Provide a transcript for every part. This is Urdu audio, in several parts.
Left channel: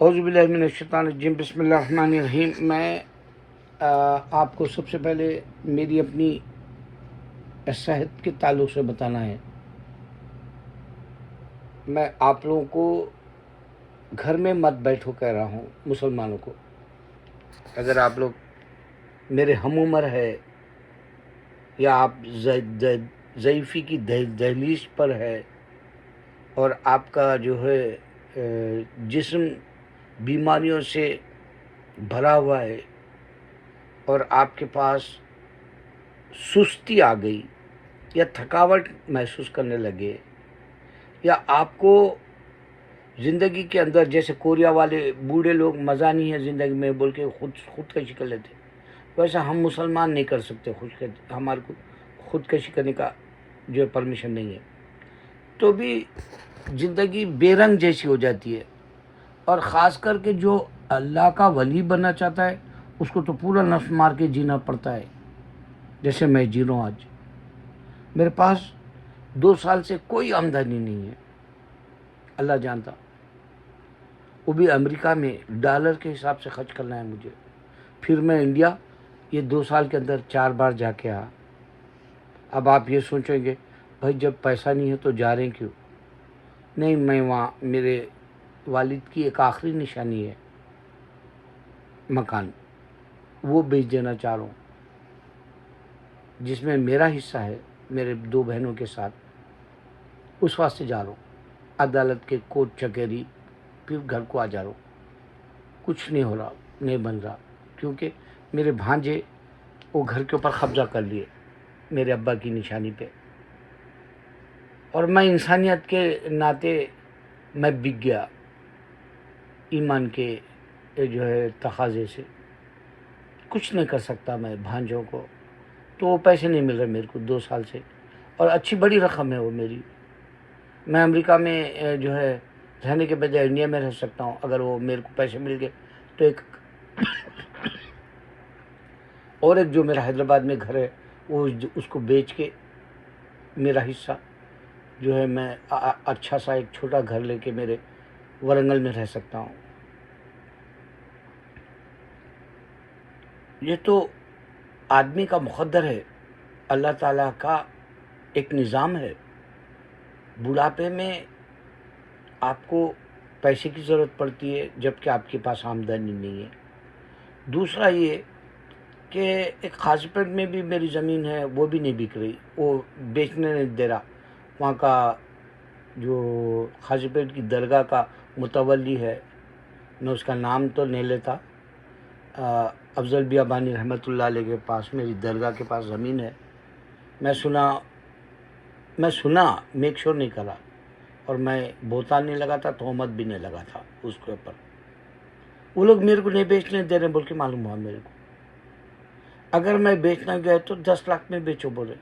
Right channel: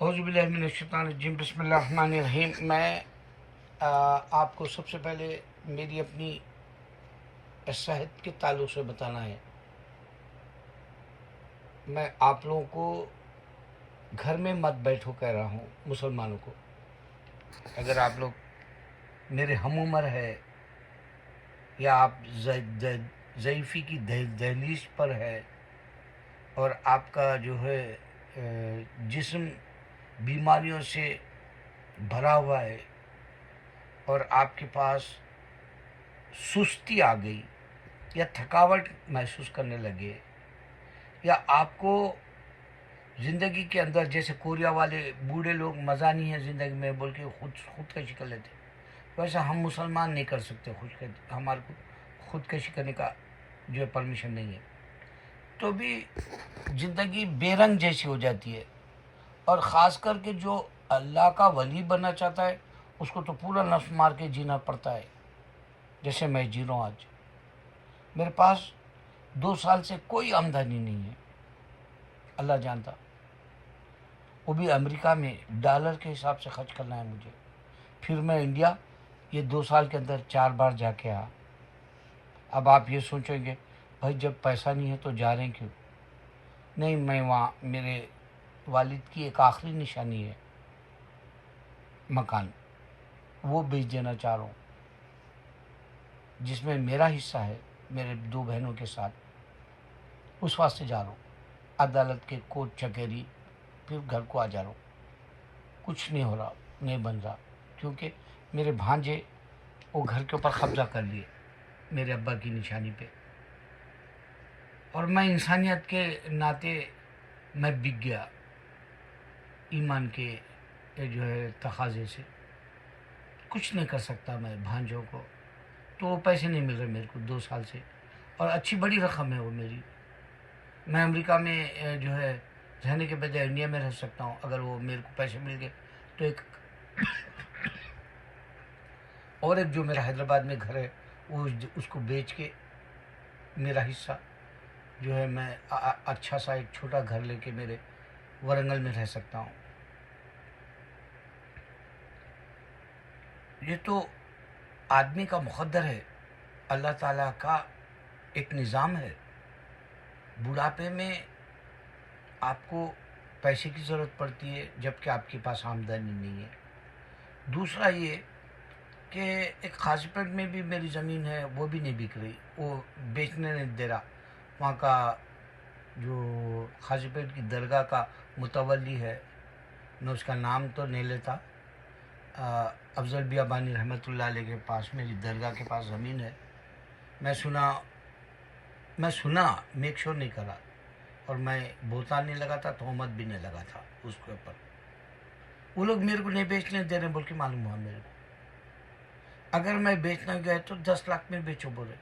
اعوذ باللہ من الشیطان الرجیم، بسم اللہ الرحمن الرحیم۔ میں آپ کو سب سے پہلے میری اپنی صحت کے تعلق سے بتانا ہے۔ میں آپ لوگوں کو گھر میں مت بیٹھو کہہ رہا ہوں، مسلمانوں کو۔ اگر آپ لوگ میرے ہم عمر ہے یا آپ ضعیفی کی دہلیز پر ہے اور آپ کا جو ہے جسم بیماریوں سے بھرا ہوا ہے اور آپ کے پاس سستی آ گئی یا تھکاوٹ محسوس کرنے لگے، یا آپ کو زندگی کے اندر جیسے کوریا والے بوڑھے لوگ مزہ نہیں ہے زندگی میں بول کے خودکشی کر لیتے، ویسا ہم مسلمان نہیں کر سکتے۔ ہمارے کو خودکشی کرنے کا جو پرمیشن نہیں ہے، تو بھی زندگی بے رنگ جیسی ہو جاتی ہے۔ اور خاص کر کے جو اللہ کا ولی بننا چاہتا ہے اس کو تو پورا نفس مار کے جینا پڑتا ہے، جیسے میں جی رہا ہوں آج۔ میرے پاس 2 سال سے کوئی آمدنی نہیں ہے، اللہ جانتا، وہ بھی امریکہ میں ڈالر کے حساب سے خرچ کرنا ہے مجھے۔ پھر میں انڈیا یہ 2 سال کے اندر 4 بار جا کے آیا۔ اب آپ یہ سوچیں گے بھائی جب پیسہ نہیں ہے تو جا رہے کیوں؟ نہیں، میں وہاں میرے والد کی ایک آخری نشانی ہے مکان، وہ بیچ دینا چاہ رہا ہوں، جس میں میرا حصہ ہے میرے 2 بہنوں کے ساتھ، اس واسطے جا رہا ہوں۔ عدالت کے کوٹ چکیری، پھر گھر کو آ جا رہا ہوں۔ کچھ نہیں ہو رہا، نہیں بن رہا، کیونکہ میرے بھانجے وہ گھر کے اوپر قبضہ کر لیے میرے ابا کی نشانی پہ، اور میں انسانیت کے ناطے میں بک گیا ایمان کے جو ہے تقاضے سے۔ کچھ نہیں کر سکتا میں بھانجوں کو، تو وہ پیسے نہیں مل رہے میرے کو 2 سال سے، اور اچھی بڑی رقم ہے وہ میری۔ میں امریکہ میں جو ہے رہنے کے بجائے انڈیا میں رہ سکتا ہوں اگر وہ میرے کو پیسے مل گئے تو۔ ایک جو میرا حیدرآباد میں گھر ہے وہ اس کو بیچ کے میرا حصہ جو ہے میں اچھا سا ایک چھوٹا گھر لے کے میرے ورنگل میں رہ سکتا ہوں۔ یہ تو آدمی کا مقدر ہے، اللہ تعالیٰ کا ایک نظام ہے۔ بڑھاپے میں آپ کو پیسے کی ضرورت پڑتی ہے جبکہ آپ کے پاس آمدنی نہیں ہے۔ دوسرا یہ کہ ایک قاضی پیٹ میں بھی میری زمین ہے، وہ بھی نہیں بک رہی، وہ بیچنے نہیں دے رہا۔ وہاں کا جو قاضی پیٹ کی درگاہ کا متولی ہے، میں اس کا نام تو نہیں لیتا، افضل بیابانی رحمۃ اللہ علیہ کے پاس میری درگاہ کے پاس زمین ہے۔ میں سنا میک شور نہیں کرا، اور میں بہتان نہیں لگا تھا، تہمت بھی نہیں لگا تھا اس کے اوپر۔ وہ لوگ میرے کو نہیں بیچنے دے رہے بول کے معلوم ہوا میرے کو۔ اگر میں بیچنا گیا تو 10 لاکھ میں بیچو بولے،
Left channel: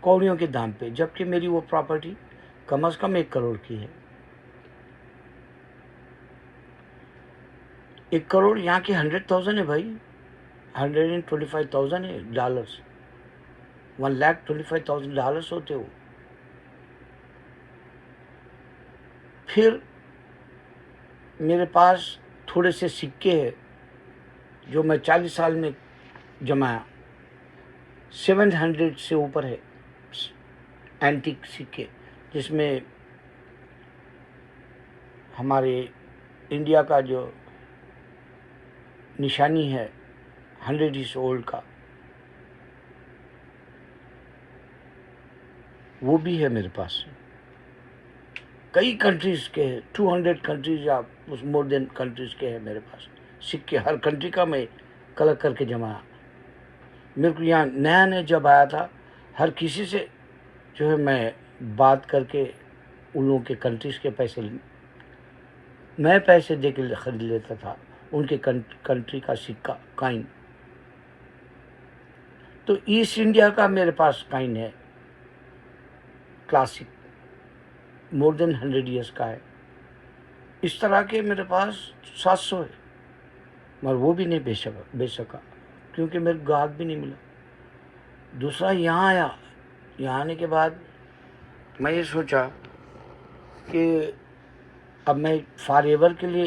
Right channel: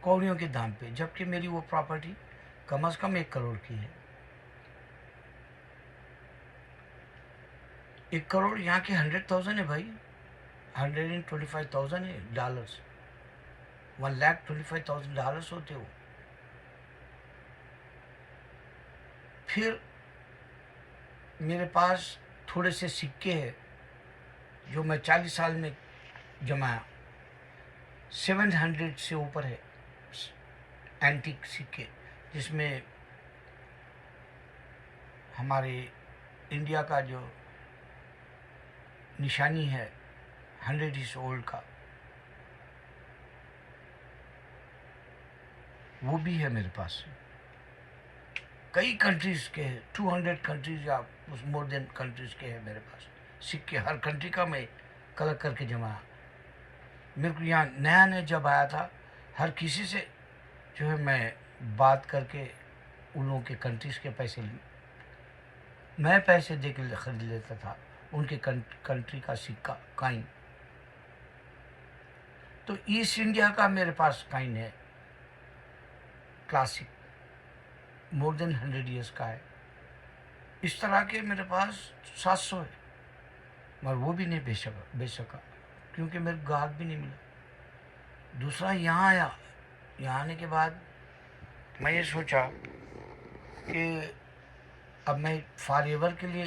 کوڑیوں کے دام پہ، جبکہ میری وہ پراپرٹی کم از کم 1 کروڑ کی ہے۔ 1 کروڑ یہاں کی 100,000 ہے بھائی، 125,000 ہے ڈالرز، 1,25,000 ڈالرز ہوتے ہو۔ پھر میرے پاس تھوڑے سے سکے ہیں جو میں 40 سال میں جمایا، 700 سے اوپر ہے اینٹیک سکے، جس میں ہمارے انڈیا کا جو نشانی ہے 100 ایئرز اولڈ کا، وہ بھی ہے میرے پاس۔ کئی کنٹریز کے 200 کنٹریز یا مور دین کنٹریز کے ہیں میرے پاس سکے، ہر کنٹری کا میں کلکٹ کر کے جمایا۔ میرے کو یہاں نیا جب آیا تھا، ہر کسی سے جو ہے میں بات کر کے ان لوگوں کے کنٹریز کے پیسے میں پیسے دے کے خرید لیتا تھا ان کے کنٹری کا سکہ کائن۔ تو ایسٹ انڈیا کا میرے پاس کائن ہے کلاسک، مور دین 100 ایئرس کا ہے۔ اس طرح کے میرے پاس 700 ہے، مگر وہ بھی نہیں بیچ سکا کیونکہ میرے گاہک بھی نہیں ملا۔ دوسرا یہاں آیا، یہاں آنے کے بعد میں یہ سوچا کہ اب میں فار ایور کے لیے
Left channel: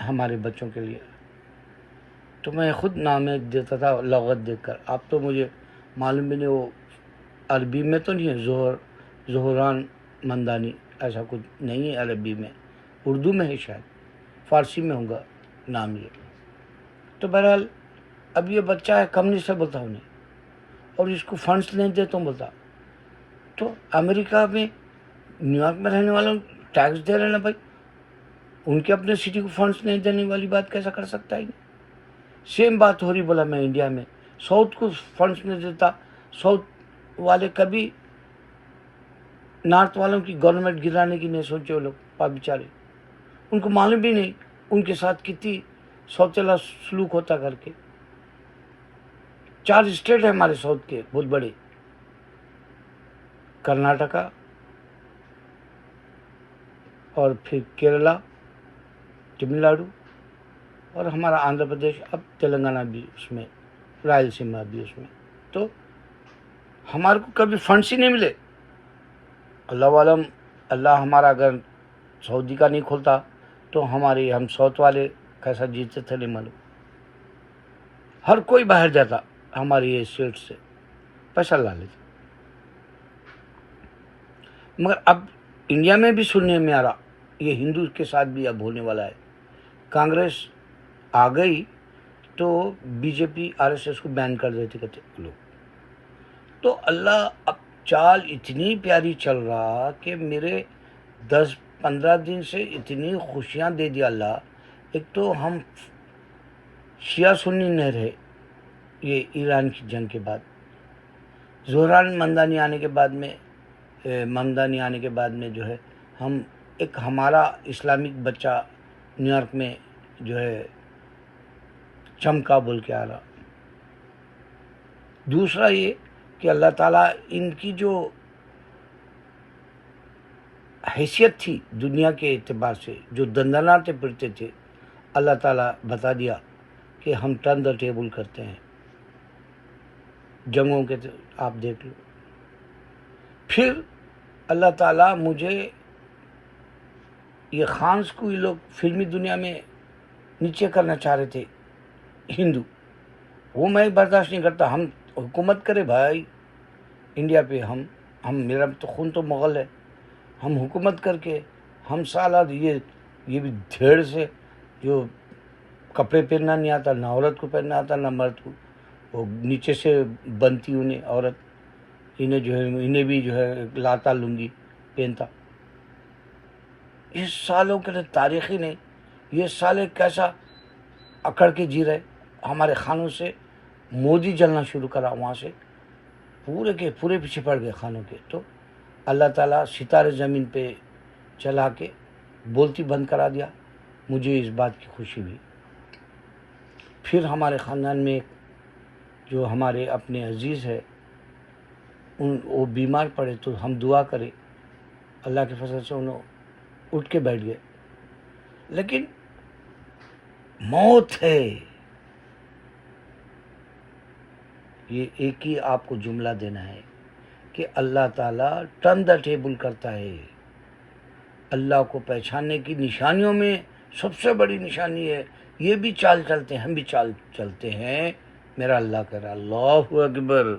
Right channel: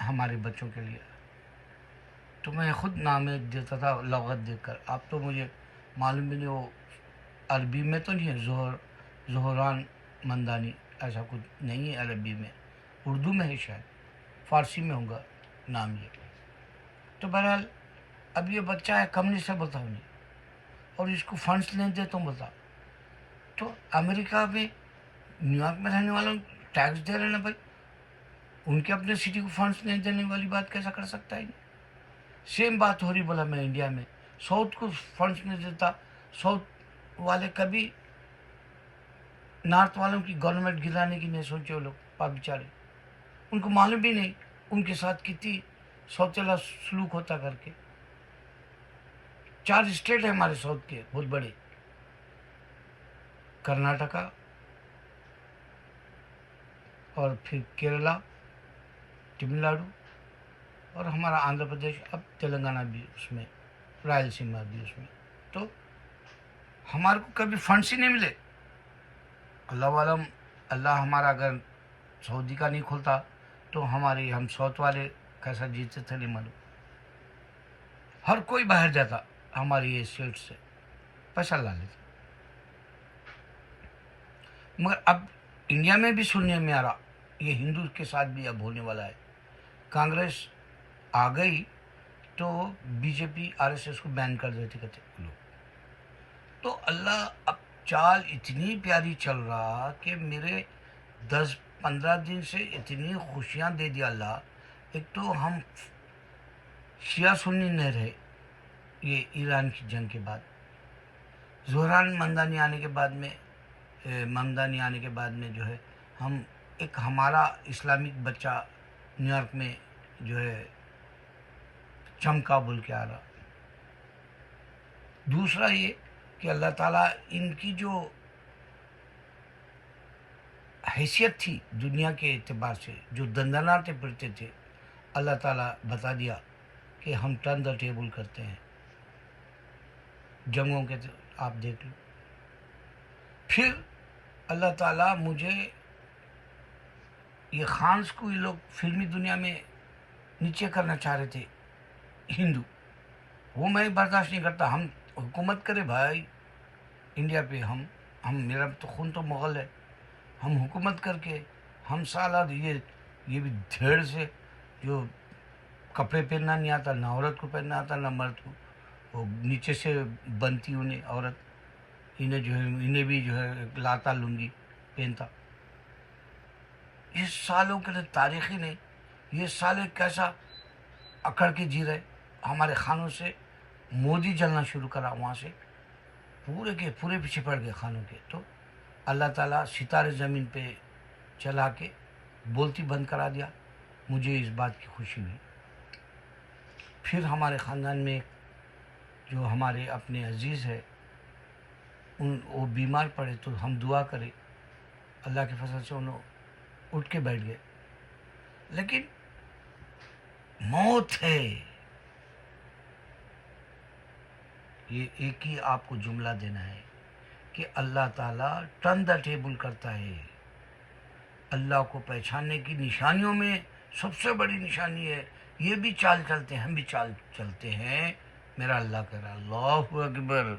ہمارے بچوں کے لیے، تو میں خود نام دیتا تھا لغت دیکھ کر. اب تو مجھے معلوم بھی نہیں، وہ عربی میں تو نہیں ہے، زہران مندانی ایسا کچھ نہیں ہے عربی میں، اردو میں ہے شاید، فارسی میں ہوگا نام یہ. تو بہرحال اب یہ بچہ ہے، کم نہیں سے بولتا انہیں، اور اس کو فنڈس نہیں دیتا ہوں بولتا. تو امریکہ میں نیو یارک میں رہنے والوں ٹیکس دے رہے ہیں نا بھائی، ان کے اپنے سٹی کو فنڈس نہیں دینے والی بات کیسا کر سکتا ہے؟ سیم بات ہو رہی. بولا میں انڈیا میں ساؤتھ کو فنڈس نہیں دیتا، ساؤتھ والے کبھی نارتھ والوں کی گورنمنٹ گرانے کی نہیں سوچے. وہ لوگ بیچارے، ان کو معلوم بھی نہیں ان کے ساتھ کتنی سوچلا سلوک ہوتا کر کے. 4 اسٹیٹ ہیں ہمارے ساؤتھ کے بہت بڑے، کرناٹکا اور پھر کیرلا، تمل ناڈو، اور ہمارا آندھرا پردیش، اب تلنگانہ بھی اس میں، رائل سیما بھی اس میں. تو ہمارے کو کبھی فنڈس ہی نہیں ملے. اللہ عالم، اللہ ہمارا اگر سعودی کا نہیں کھولتا تو ہم ساؤتھ والے کیسا جیتے تھے نہیں معلوم. ہر کوئی باہر جاتا ہماری یہ اسٹیٹ سے پیسہ لا لیتا. مگر اب انڈیا میں بھی سننے میں آ رہا، یہ ہندو کے ساتھ بھی اب ہونے والا ہے. کانگریس آ گئی تو بی جے پی RSS کو بین کر دیتے کہتے لوگ. تو اللہ اب چال اتنی پیاری چل رہا کہ میرے 10-15 دن سے اتنی خوشیاں دے دیا اللہ. ایک تو ہم شیعہ سنی نہیں رہے یہ ایران کی جنگ کے بعد، زہران ممدانی آنے کے بعد میں جو ہے ہم ایک ہمارا اسلامک بچہ نیو یارک میں جو ہے چمکا بول کے آ رہا. دوسرا یہ کہ اللہ تعالیٰ ان کی جو حیثیت تھی دنیا کے اعتبار سے، جو دندناتے پھرتے تھے، اللہ تعالیٰ بتا دیا کہ ہم ٹرن دا ٹیبل کرتے ہیں جنگوں کے. آپ دیکھ لو. پھر اللہ تعالیٰ مجھے یہ خانس کو یہ لوگ فلمی دنیا میں نیچے کرنا چاہ رہے تھے ہندو، وہ میں برداشت نہیں کرتا. ہم حکومت کرے بھائی انڈیا پہ، ہم میرا تو خون تو مغل ہے، ہم حکومت کر کے ہم سالہ یہ بھی دھیڑ سے جو کپڑے پہننا نہیں آتا، نہ عورت کو پہننا آتا نہ مرد کو، وہ نیچے سے بنتی انہیں عورت، انہیں بھی جو ہے لاتا لنگی پہنتا. اس سالوں کے لیے تاریخی نہیں، یہ سالے کیسا اکڑ کے جی رہے. ہمارے خانوں سے مودی جلنا شروع کرا، وہاں سے پورے کے پورے پیچھے پڑ گئے خانوں کے. تو اللہ تعالیٰ ستارے زمین پہ چلا کے بولتی بند کرا دیا. مجھے اس بات کی خوشی ہوئی. پھر ہمارے خاندان میں جو ہمارے اپنے عزیز ہے وہ بیمار پڑے تو ہم دعا کرے، اللہ کے فضل سے انہوں اٹھ کے بیٹھ گئے. لیکن موت ہے، یہ ایک ہی آپ کو جملہ دینا ہے کہ اللہ تعالیٰ ٹرن دا ٹیبل کرتا ہے. اللہ کو پہچاننے کی نشانیوں میں سب سے بڑی نشانی ہے یہ بھی چال چلتے ہیں، ہم بھی چال چلتے ہیں. میرا اللہ کہہ رہا اللہ اکبر.